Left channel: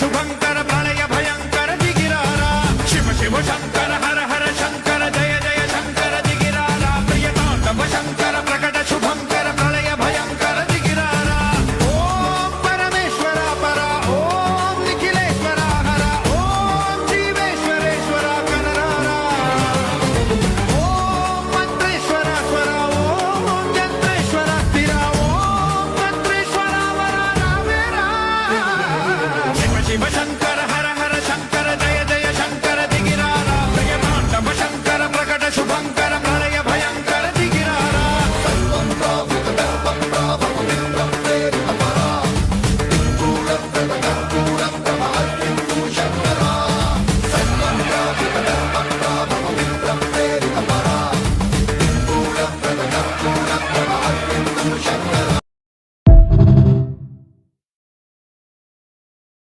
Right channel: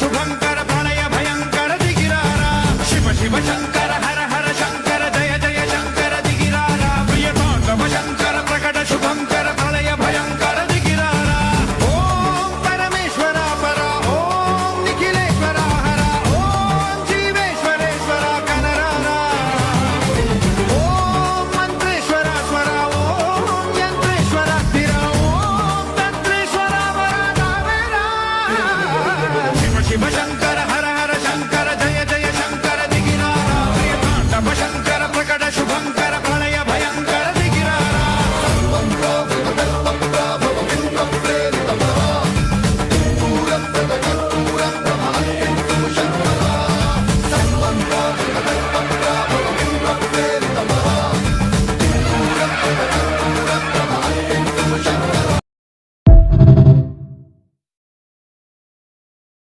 శుభంకర ప్రళయ భయంకర దిగిరారా శివ శివ శంకర హర హర శంకర జయ జయ శంకర దిగిరారా ప్రియ తాండవ శంకర ప్రకట శుభంకర ప్రళయ భయంకర దిగిరారా ఓం పరమేశ్వర పర ఓం నిఖిలేశ్వర హర ఓం జీవేశ్వరేశ్వర కరరారా ఓం మంత్రేశ్వర స్వర ఓం యంత్రేశ్వర స్థిర ఓం తంత్రేశ్వర వర నామేరా శివ శివ శంకర